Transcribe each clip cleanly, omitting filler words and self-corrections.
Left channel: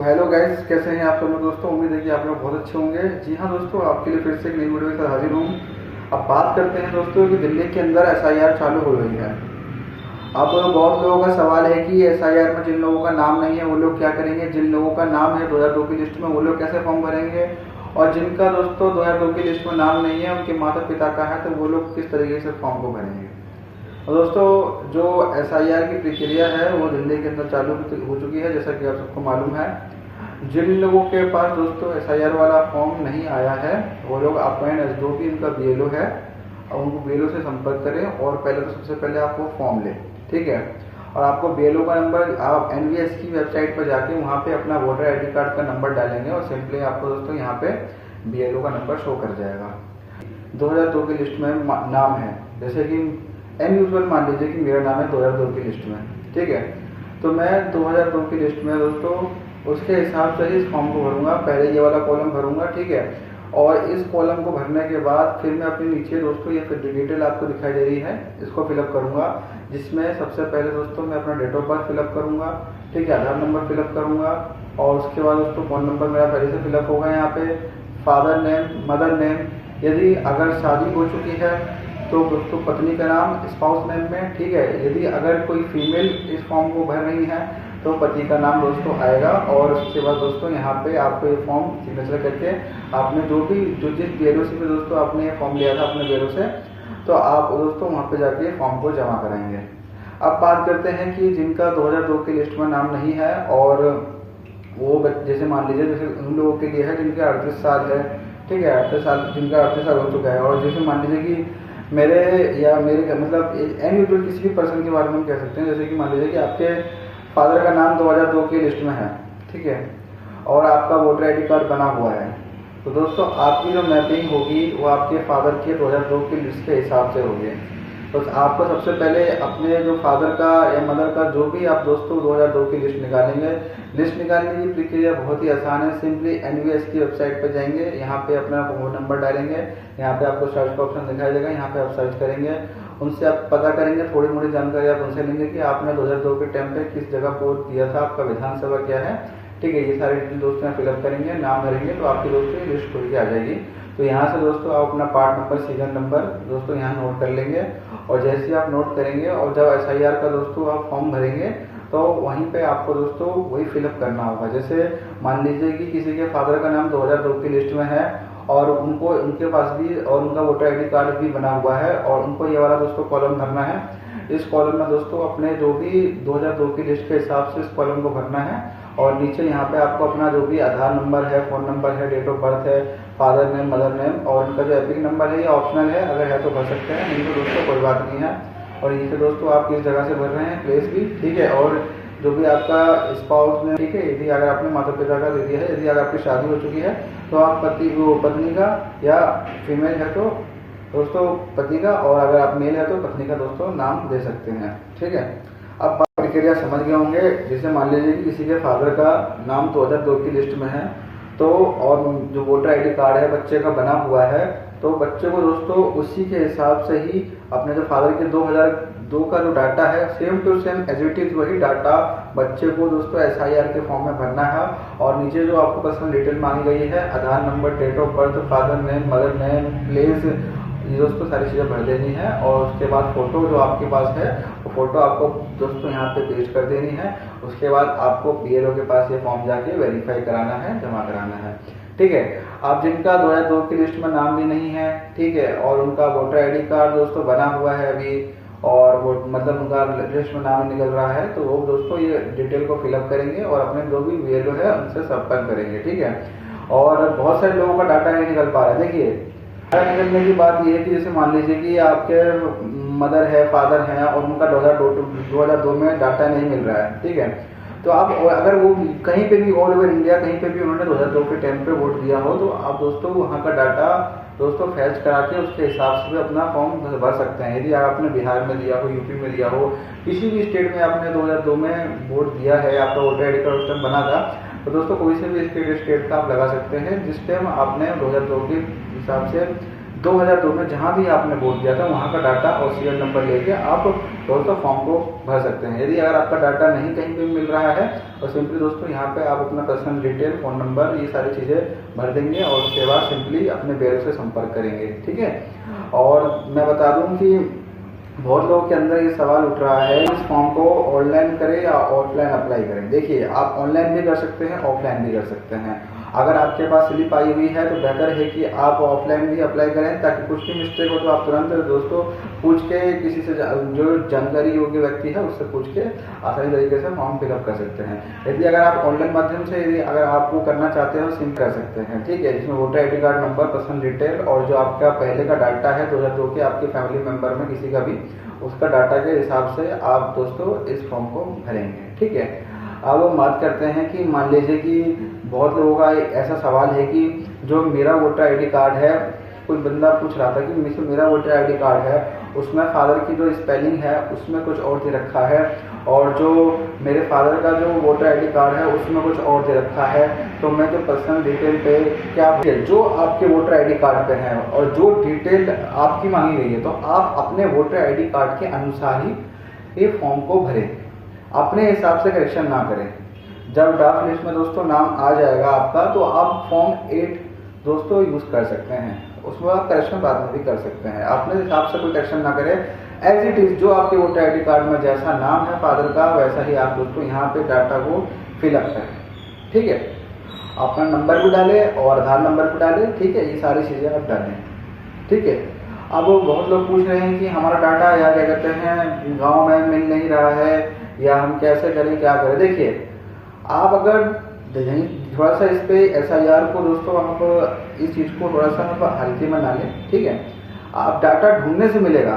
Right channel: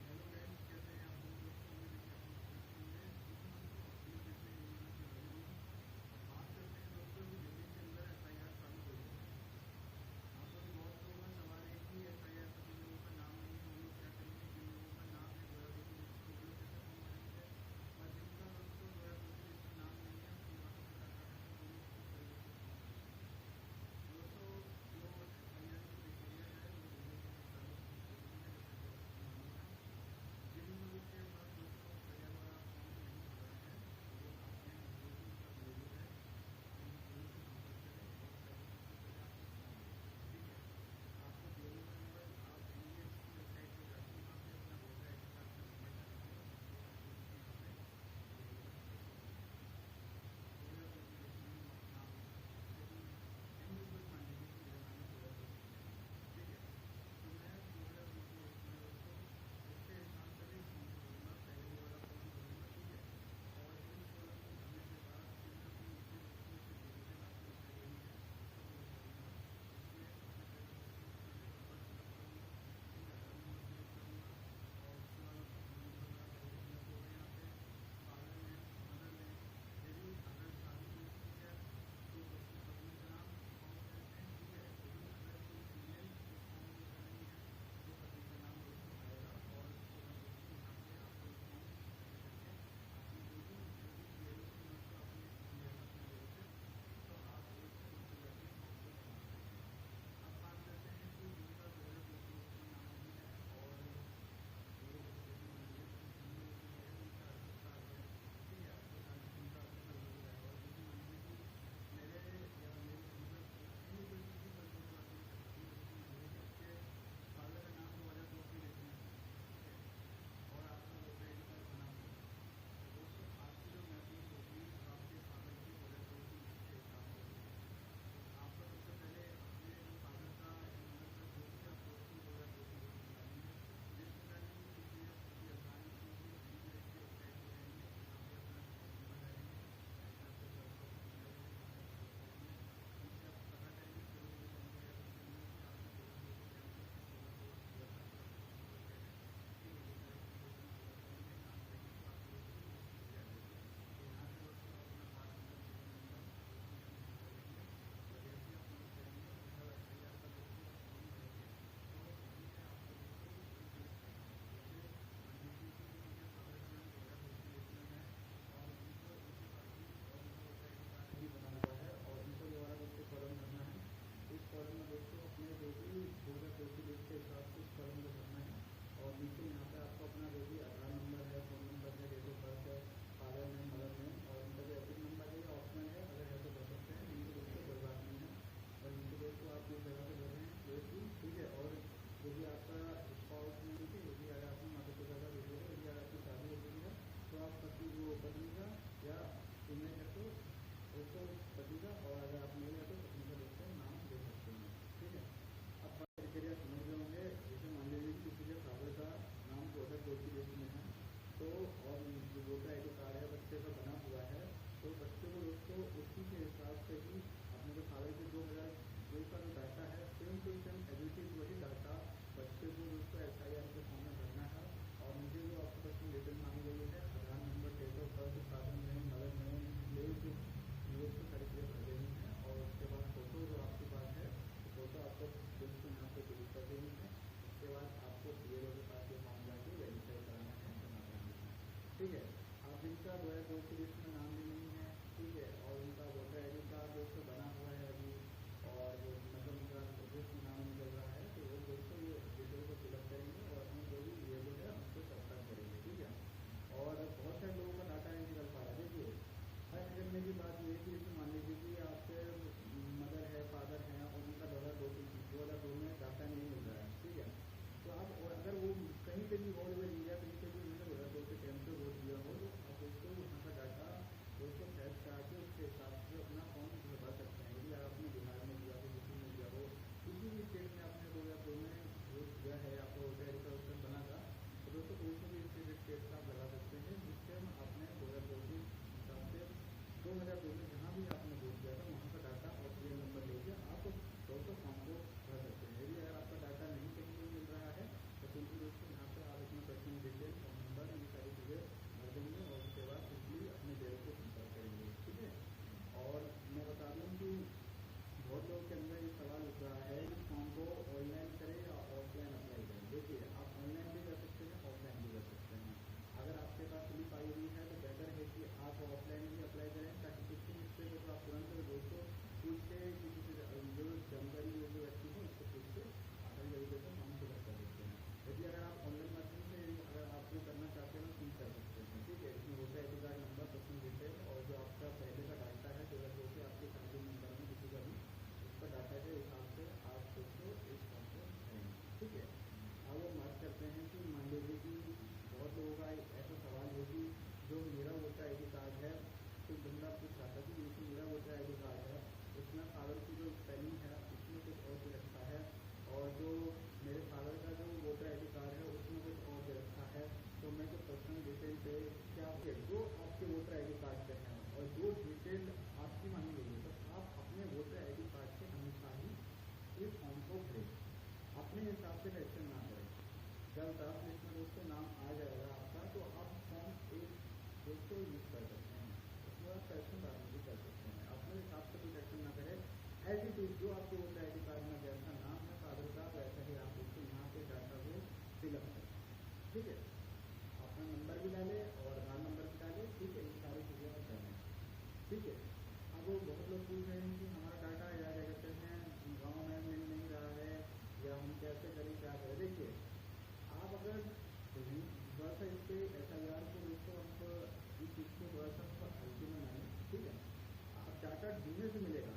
Hello guys, कैसे हैं आप सब लोग दोस्तों। उम्मीद है कि आप लोग बहुत अच्छे होंगे। जी हाँ दोस्तों, आपके लिए फिर से एक नई वीडियो के साथ हाजिर हूँ। अब बात करते हैं दोस्तों कि दिल्ली के अंदर एसआईआर चालू हो रही है। अब बहुत लोगों का सवाल है कि एसआईआर में जिन लोगों का नाम नहीं है वो लोग क्या करेंगे, जिन लोगों का नाम है 2002 की लिस्ट में वो लोग कैसे फॉर्म भरेंगे, और जिनका दोस्तों 2002 की लिस्ट में नाम नहीं है उनके माता पिता का है तो वो लोग किस तरीके से फॉर्म को भरेंगे। और दोस्तों, जो एसआईआर की प्रक्रिया है वो दिल्ली के अंदर चालू हो चुकी है। जैसा कि आप सबको मालूम है, जिन लोगों के पास दोस्तों एसआईआर वाला फॉर्म नहीं आया है वो लोग अपने नज़दीकी उनका बीएलओ है और उनको बीएलओ से संपर्क करें। और पहले तो सबसे पहले आप वो फॉर्म लें, ठीक है। और आपको बीएलओ का नंबर आप एनवीएस की वेबसाइट पर जाके वहाँ पे अपना वोटर आईडी कार्ड का नंबर डालेंगे और सिंपली आपको दोस्तों यहाँ पे बीएलओ का नंबर शो कर जाएगा। 2002 की लिस्ट में नाम है, जैसे कि एन यूजल मान लीजिए कि मेरा नाम है 2002 की लिस्ट में, ठीक है। तो मैं 2002 की लिस्ट में दोस्तों उसके हिसाब से ही इस फॉर्म को भरूंगा। पहले ये वाला कॉलम भरूंगा, ठीक है। और इस कॉलम को भरने के बाद फिर मैं अपने नीचे दोस्तों ये डिटेल आपको दिखाई दे रही है, इसको फिलअप करूंगा। जिसमें सबसे पहले दोस्तों मैं अपना डेट ऑफ बर्थ फिलअप करूंगा, ठीक है। आधार नंबर फिलअप करूंगा और उसके बाद दोस्तों फ़ोन नंबर मेरा पहले से फिलअप होगा। यहाँ पे फादर नेम, मदर नेम, यदि अगर शादी हो चुकी है तो दोस्तों पत्नी का नाम स्पाउस नेम में, ठीक है। यदि अगर कोई फीमेल इस फॉर्म को भर रही है तो पति का नाम दोस्तों आएगा। और उसके बाद दोस्तों यहाँ पे आपको ये फॉर्म सिग्नेचर करके आपने जो जिस बीएलओ से दोस्तों आपने ये फॉर्म लिया था अपने बीएलओ से, तो आप दोस्तों वहाँ पे जाके फॉर्म को जमा कराएंगे। अब बात करते हैं कि जिनका 2002 की लिस्ट में नाम नहीं है और वो जैसे मान लीजिए जैसे उन लोगों के लिए है जिनके 38 साल है, ठीक है। 38 साल, जिनका 38 साल हो चुका है। और जैसे मान लीजिए कि मेरे या मेरे मतलब एन यूजुअल किसी भी पर्सन के बारे में हम कह सकते हैं, जैसे कि मान लीजिए कि आपके फादर का नाम 2002 की लिस्ट में है, ठीक है, और आपका वोटर आईडी कार्ड बना हुआ है। तो दोस्तों आपकी जो मैपिंग होगी वो आपके फादर के 2002 की लिस्ट के हिसाब से होगी। तो आपको सबसे पहले अपने जो फादर का या मदर का जो भी आप दोस्तों 2002 की लिस्ट निकालेंगे। लिस्ट निकालने की प्रक्रिया बहुत ही आसान है। सिंपली एनवीएस की वेबसाइट पर जाएंगे, यहाँ पे अपना फोन नंबर डालेंगे, यहाँ पे आपको सर्च का ऑप्शन दिखाई देगा, यहाँ पे आप सर्च करेंगे। उनसे आप पता करेंगे, थोड़ी मोड़ी जानकारी आप उनसे लेंगे कि आपने 2002 के टाइम पे किस जगह वोट दिया था, आपका विधानसभा क्या है, ठीक है। ये सारे डिटेल दोस्तों यहाँ फिलअप करेंगे, नाम भरेंगे तो आपकी दोस्तों ये लिस्ट खुल के आ जाएगी। तो यहाँ से दोस्तों आप अपना पार्ट नंबर, सीरियल नंबर दोस्तों यहाँ नोट कर लेंगे। और जैसे ही आप नोट करेंगे और जब एसआईआर का दोस्तों आप फॉर्म भरेंगे तो वहीं पे आपको दोस्तों वही फिलअप करना होगा। जैसे मान लीजिए कि किसी के फादर का नाम 2002 की लिस्ट में है और उनको उनके पास भी और उनका वोटर आईडी कार्ड भी बना हुआ है और उनको ये वाला दोस्तों कॉलम भरना है। इस कॉलम में दोस्तों अपने जो भी 2002 की लिस्ट के हिसाब से इस कॉलम को भरना है। और नीचे यहाँ पे आपको अपना जो भी आधार नंबर है, फ़ोन नंबर है, डेट ऑफ बर्थ है, फादर नेम, मदर नेम और इनका जो एपिक नंबर है ये ऑप्शनल है, अगर है तो भर सकते हैं, नहीं तो दोस्तों कोई बात नहीं है। और नीचे दोस्तों आप किस जगह से भर रहे हैं, प्लेस भी, ठीक है। और जो भी आपका स्पाउस में, ठीक है, यदि अगर आपने माता पिता का दे दिया है, यदि अगर आपकी शादी हो चुकी है तो आप पत्नी का, या फीमेल है तो दोस्तों पति का, और अगर आप मेल है तो पत्नी का दोस्तों नाम दे सकते हैं, ठीक है। अब प्रक्रिया समझ गए होंगे। जैसे मान लीजिए कि किसी के फादर का नाम 2002 की लिस्ट में है तो और जो वोटर आईडी कार्ड है बच्चे का बना हुआ है, तो बच्चे को दोस्तों उसी के हिसाब से ही अपने जो फादर के 2002 का जो डाटा है same to same as it is वही डाटा बच्चे को दोस्तों एसआईआर के फॉर्म में भरना है। और नीचे जो आपको पर्सनल डिटेल मांगी गई है, Aadhaar number, date of birth, father name, mother name, place, ये दोस्तों सारी चीज़ें भर देनी है। और उसके बाद फ़ोटो जो आपके पास है वो फ़ोटो आपको दोस्तों यहाँ पे पेस्ट कर देनी है। उसके बाद आपको बीएलओ के पास ये फॉर्म जाके वेरीफाई कराना है, जमा कराना है, ठीक है। आप जिनका 2002 की लिस्ट में नाम भी नहीं है, ठीक है, और उनका वोटर आईडी कार्ड दोस्तों बना हुआ है अभी और वो मतलब उनका लिस्ट में नाम निकल रहा है, तो वो दोस्तों ये डिटेल को फिलअप करेंगे और अपने जो भी बीएलओ है उनसे संपर्क करेंगे, ठीक है। और बहुत सारे लोगों का डाटा नहीं निकल पा रहा है। देखिए, डाटा निकलने की बात ये है कि जैसे मान लीजिए कि आपके मदर है, फादर हैं और उनका 2002 में डाटा नहीं मिल रहा है, ठीक है। तो आप अगर वो कहीं पे भी ऑल ओवर इंडिया कहीं पे भी उन्होंने 2002 के टाइम पे वोट दिया हो तो आप दोस्तों वहाँ का डाटा दोस्तों फैच करा के उसके हिसाब से भी अपना फॉर्म भर सकते हैं। यदि आपने बिहार में दिया हो, यूपी में दिया हो, किसी भी स्टेट में आपने 2002 में वोट दिया है, आपका वोटर आईडी कार्ड उस टाइम बना था, तो दोस्तों कोई से भी स्टेट का आप लगा सकते हैं जिस टाइम आपने 2002 के हिसाब से 2002 में जहाँ भी आपने वोट दिया था वहाँ का डाटा और सीरियल नंबर लेके आप दोस्तों फॉर्म को भर सकते हैं। यदि अगर आपका डाटा नहीं कहीं पे मिल रहा है तो सिंपली दोस्तों यहाँ पे आप अपना पर्सनल डिटेल, फ़ोन नंबर, ये सारी चीज़ें भर देंगे और उसके बाद सिंपली अपने ब्यूरो से संपर्क करेंगे। ठीक है। और मैं बता दूँ कि बहुत लोगों के अंदर ये सवाल उठ रहा है इस फॉर्म को ऑनलाइन करें या ऑफलाइन अप्लाई करें। देखिए, आप ऑनलाइन भी कर सकते हैं, ऑफलाइन भी कर सकते हैं। अगर आपके पास स्लिप आई हुई है तो बेहतर है कि आप ऑफलाइन भी अप्लाई करें, ताकि कुछ भी मिस्टेक हो तो आप तुरंत दोस्तों पूछ के किसी से जो जानकारी योग्य व्यक्ति है उससे पूछ के आसानी तरीके से फॉर्म फिलअप कर सकते हैं। यदि अगर आप ऑनलाइन माध्यम से यदि अगर आप वो करना चाहते हैं तो सिम कर सकते हैं। ठीक है, जिसमें voter ID card number, personal detail और जो आपका पहले का डाटा है 2002 के आपके फैमिली मेम्बर में किसी का भी, उसका डाटा के हिसाब से आप दोस्तों इस फॉर्म को भरेंगे। ठीक है। अब हम बात करते हैं कि मान लीजिए कि बहुत लोगों का ऐसा सवाल है कि जो मेरा वोटर ID कार्ड है, कोई बंदा पूछ रहा था कि मेरा वोटर ID कार्ड है उसमें फादर की जो स्पेलिंग है उसमें कुछ और दे रखा है और जो मेरे फादर का जो वोटर ID कार्ड है उसमें कुछ और दे रखा है, तो मैं जो पर्सनल डिटेल पे क्या जो आपके वोटर ID कार्ड पे है और जो डिटेल आपकी मांगी गई है, तो आप अपने वोटर ID कार्ड के अनुसार ही ये फॉर्म को भरें, अपने हिसाब से करेक्शन ना करें। जब ड्राफ्ट लिस्ट में दोस्तों नाम आ जाएगा आपका तो आप फॉर्म 8 दोस्तों यूज़ कर सकते हैं, उसमें आप करेक्शन बाद में भी कर सकते हैं। अपने हिसाब से कोई करेक्शन ना करें, एज इट इज़ जो आपके वोटर ID कार्ड में जैसा नाम है फादर का वैसा ही आप दोस्तों यहाँ पे डाटा को फिलअप करें। ठीक है, अपना नंबर भी डालें और आधार नंबर भी डालें। ठीक है, ये सारी चीज़ें आप डालें। ठीक है। अब बहुत लोग पूछ रहे हैं कि हमारा डाटा या क्या कहते हैं गाँव में मिल नहीं रहा है या हम कैसे करें, क्या करें। देखिए, आप अगर थोड़ा सा इस पे SIR को दोस्तों आप इस चीज़ को थोड़ा सा आप हल्के में ना लें। ठीक है, आप डाटा ढूंढने से मिलेगा।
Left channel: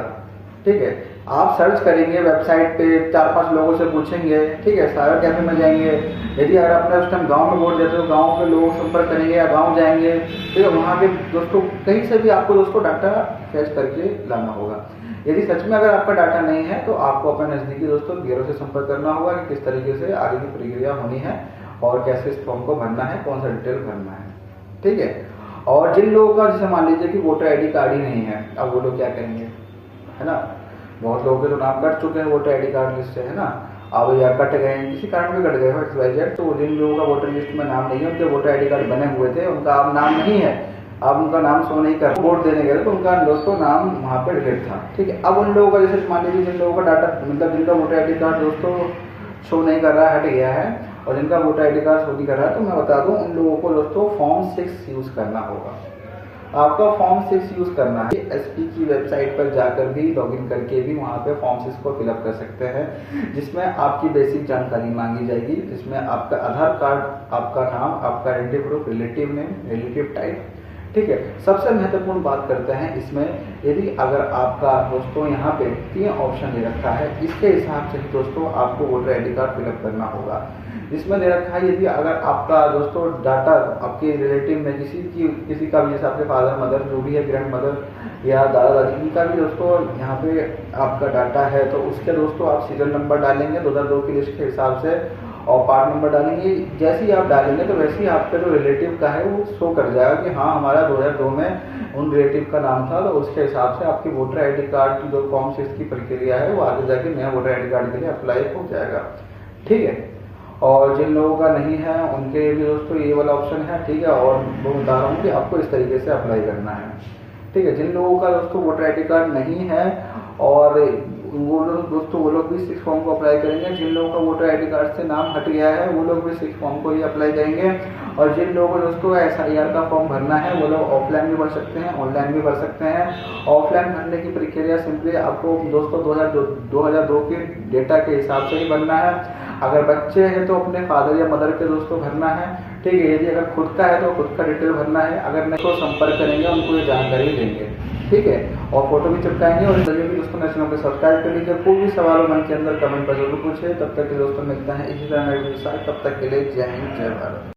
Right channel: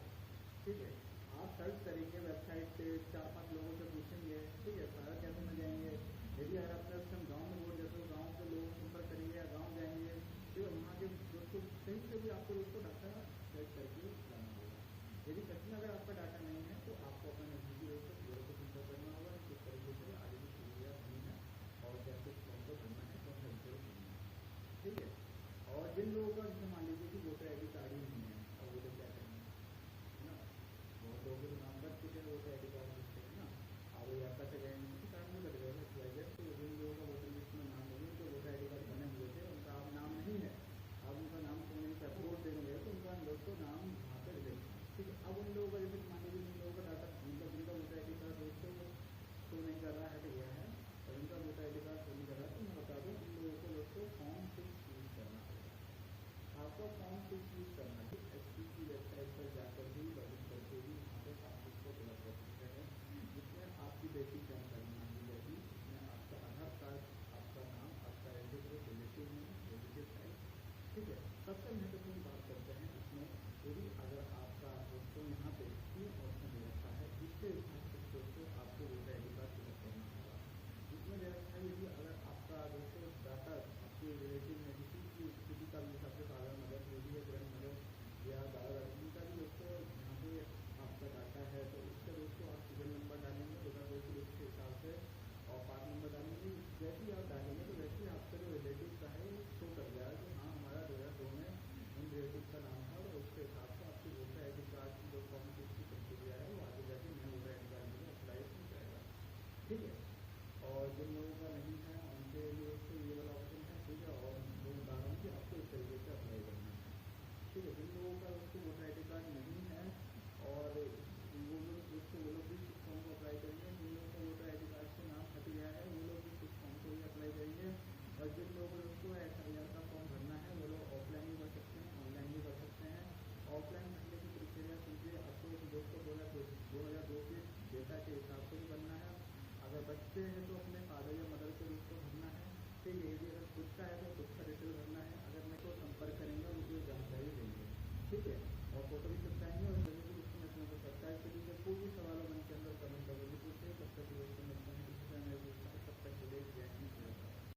ठीक है, आप सर्च करेंगे वेबसाइट पे, 4-5 लोगों से पूछेंगे। ठीक है, साइबर कैफे में जाएंगे। यदि अगर आपने उस टाइम गाँव में वोट देते हो गाँव के लोगों से संपर्क करेंगे या गाँव जाएंगे, ठीक है, वहाँ के दोस्तों कहीं से भी आपको दोस्तों डाटा फैच करके लाना होगा। यदि सच में अगर आपका डाटा नहीं है तो आपको अपने नज़दीकी दोस्तों ब्यूरो से संपर्क करना होगा कि किस तरीके से आगे की प्रक्रिया होनी है और कैसे इस फॉर्म को भरना है, कौन सा डिटेल भरना है। ठीक है। और जिन लोगों का जैसे मान लीजिए कि वोटर ID कार्ड ही नहीं है, अब वो लोग क्या करेंगे, है ना। बहुत लोगों के तो नाम कट चुके हैं वोटर ID कार्ड लिस्ट से, है ना। अब या कट गए हैं, किसी कारण भी कट गए XYZ, तो जिन लोगों का वोटर लिस्ट में नाम नहीं है, उनके वोटर ID कार्ड बने हुए थे, उनका अब नाम नहीं है, अब उनका नाम शो नहीं कर, वोट देने गए तो उनका दोस्तों नाम वहाँ पे डिलीट था। ठीक है। अब उन लोगों का जैसे मान लीजिए जिन लोगों का डाटा मतलब जिनका वोटर ID कार्ड दोस्तों शो नहीं कर रहा है, हट गया है, और जिनका वोटर ID कार्ड शो नहीं कर रहा है, तो मैं बता दूं उन लोगों को दोस्तों फॉर्म 6 यूज़ करना होगा। आपका फॉर्म 6 यूज़ करना है। SP की वेबसाइट पर जाकर भी लॉगिन करके भी वहाँ पे फॉर्म 6 को फिलअप कर सकते हैं, जिसमें आपकी बेसिक जानकारी मांगी जाएगी, जिसमें आपका आधार कार्ड, आपका नाम, आपका identity proof, relative name, relative type. ठीक है। सबसे महत्वपूर्ण बात करते हैं इसमें, यदि अगर आपका दोस्तों यहाँ पे 3 ऑप्शन दे रखा है, इसके हिसाब से दोस्तों आपको वोटर ID कार्ड फिलअप करना होगा। इसमें दे रखा है यदि अगर आपका दोस्तों डाटा आपके रिलेटिव में किसी का भी, जैसे आपके फादर मदर जो भी है, ग्रैंड मदर या दादा दादी, इनका भी दोस्तों यहाँ पे आपका डाटा है, तो उसके दोस्तों आप सीरियल नंबर डालेंगे 2002 की लिस्ट के हिसाब से और पार्ट नंबर डालेंगे। जैसे ही आप डालेंगे तो वैसे ही आपका जो रिलेटिव का है वो शो कर जाएगा कि हाँ हमारा 2002 में उन रिलेटिव का नाम था, तो उसके हिसाब से आपकी वोटर ID कार्ड की जो फॉर्म 6 की प्रक्रिया है वो आगे जाके नया वोटर ID कार्ड के लिए अप्लाई हो जाएगा। ठीक है। और जिन लोगों का नहीं है उनके भी दोस्तों ये वाला ऑप्शन है। ठीक है। और मैं बता रहा हूँ कि आपको इस तरीके से अप्लाई करना है। ठीक है। जिन लोगों का दोस्तों वोटर ID कार्ड नहीं है और वो लोग भी 6 फॉर्म को अप्लाई करेंगे। जिन लोगों का वोटर ID कार्ड से नाम हट गया है वो लोग भी 6 फॉर्म को ही अप्लाई करेंगे। और जिन लोगों को दोस्तों SIR का फॉर्म भरना है वो लोग ऑफलाइन भी भर सकते हैं, ऑनलाइन भी भर सकते हैं। ऑफलाइन भरने की प्रक्रिया सिंपली आपको दोस्तों 2002 के डेटा के हिसाब से ही भरना है। अगर बच्चे हैं तो अपने फादर या मदर के दोस्तों भरना है। ठीक है। यदि अगर खुद का है तो खुद का डिटेल भरना है। अगर नहीं तो संपर्क करेंगे, उनको ये जानकारी देंगे। ठीक है। और फोटो भी चिपकाएंगे। और जब भी दोस्तों चैनल को सब्सक्राइब कर लीजिए। कोई भी सवाल हो मन के अंदर कमेंट पर जरूर पूछे। तब तक के दोस्तों मिलता है इसी तरह नए वीडियो के साथ। तब तक के लिए जय हिंद, जय भारत।